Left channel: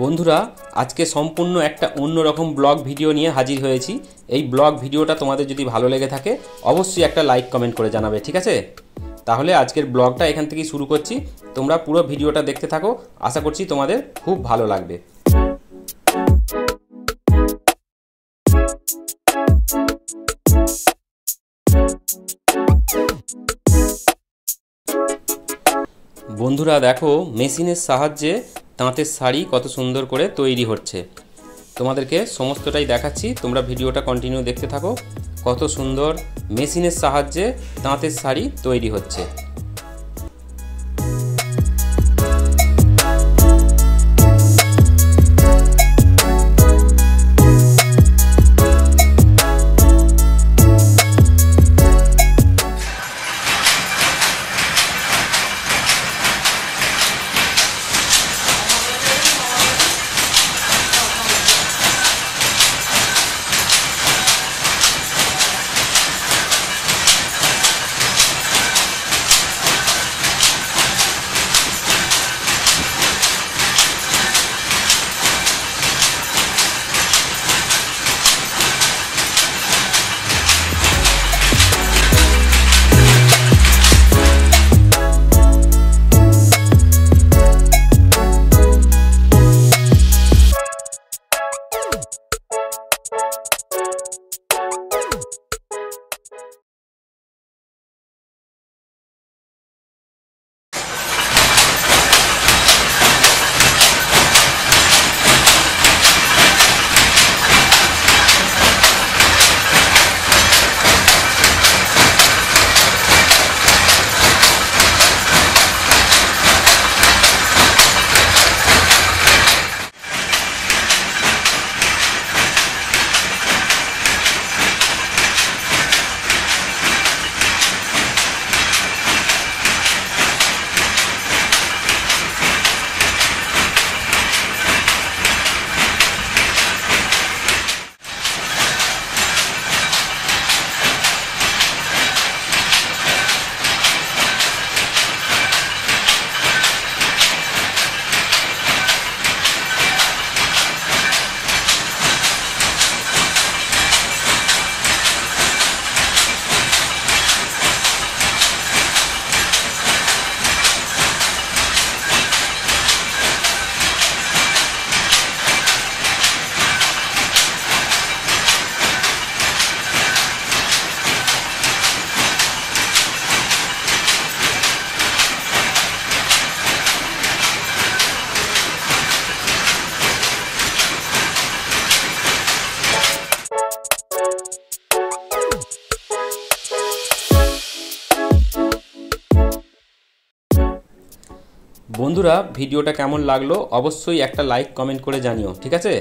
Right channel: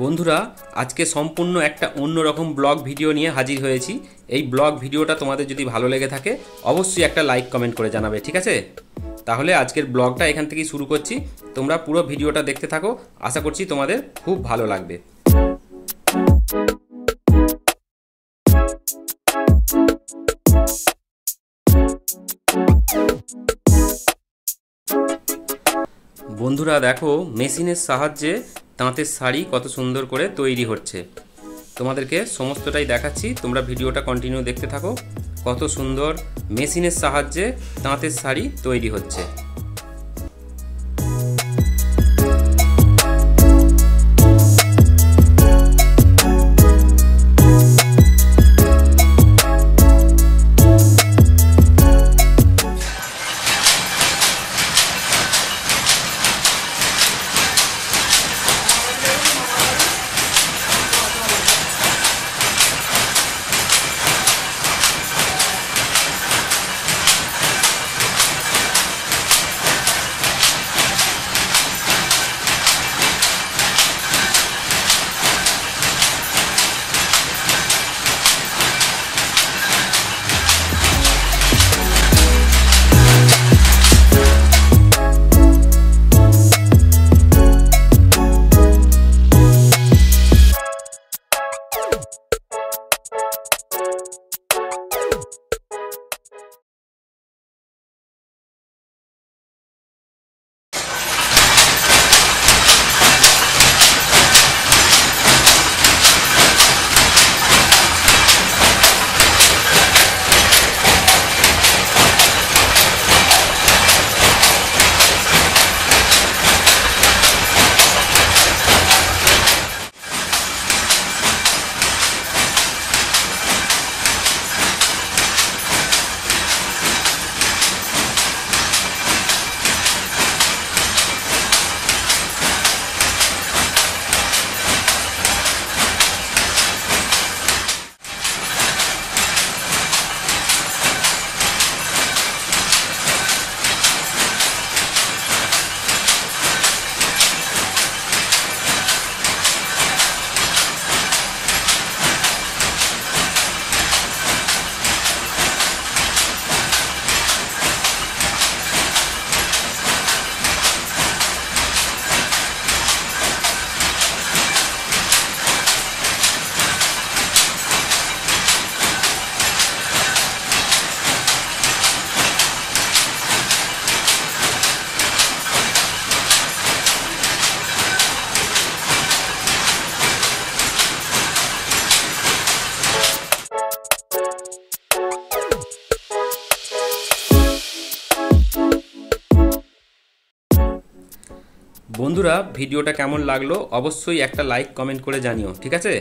বন্ধুরা আজকে সম্পূর্ণ একটা অন্যরকম ব্লগ ভিডিও নিয়ে হাজির হয়েছি। এই ব্লগ ভিডিওটা তোমাদের যদি ভালো লেগে থাকে অবশ্যই একটা লাইক কমেন্ট করে জানাবে, ঠিক আছে? তাহলে আজকের ব্লগটা এখান থেকেই শুরু করছি। তোমরা পুরো ভিডিওটা দেখতে থাকো, আশা করছি তোমাদের খুব ভালো লাগবে। বন্ধুরা দেখো, মেশিনের সাহায্যে তাঁতের শাড়ি কত সুন্দর করে তৈরি হচ্ছে। তোমাদেরকে সমস্তটাই দেখাচ্ছি, তোমরা ভিডিওটা কন্টিনিউ দেখতে থাকো। কত সুন্দর মেশিনের সাহায্যে তাঁতের শাড়ি তৈরি হচ্ছে। বন্ধুরা ভিডিওটা কেমন লাগলো অবশ্যই একটা লাইক কমেন্ট করে জানিও, ঠিক আছে?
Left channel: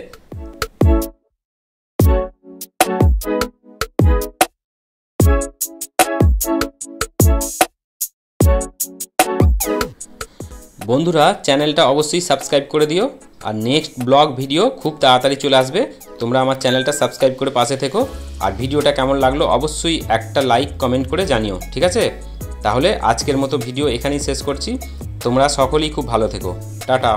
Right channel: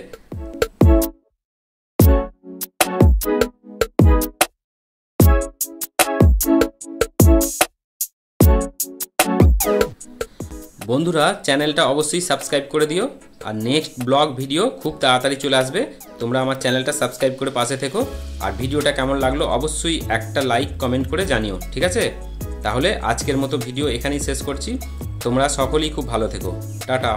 বন্ধুরা চ্যানেলটা অবশ্যই সাবস্ক্রাইব করে দিও, আর নেক্সট ব্লগ ভিডিও খুব তাড়াতাড়ি চলে আসবে। তোমরা আমার চ্যানেলটা সাবস্ক্রাইব করে পাশে থেকো, আর ভিডিওটা কেমন লাগলো অবশ্যই একটা লাইক কমেন্ট করে জানিও, ঠিক আছে? তাহলে আজকের মতো ভিডিও এখানেই শেষ করছি। তোমরা সকলেই খুব ভালো থেকো। টাটা।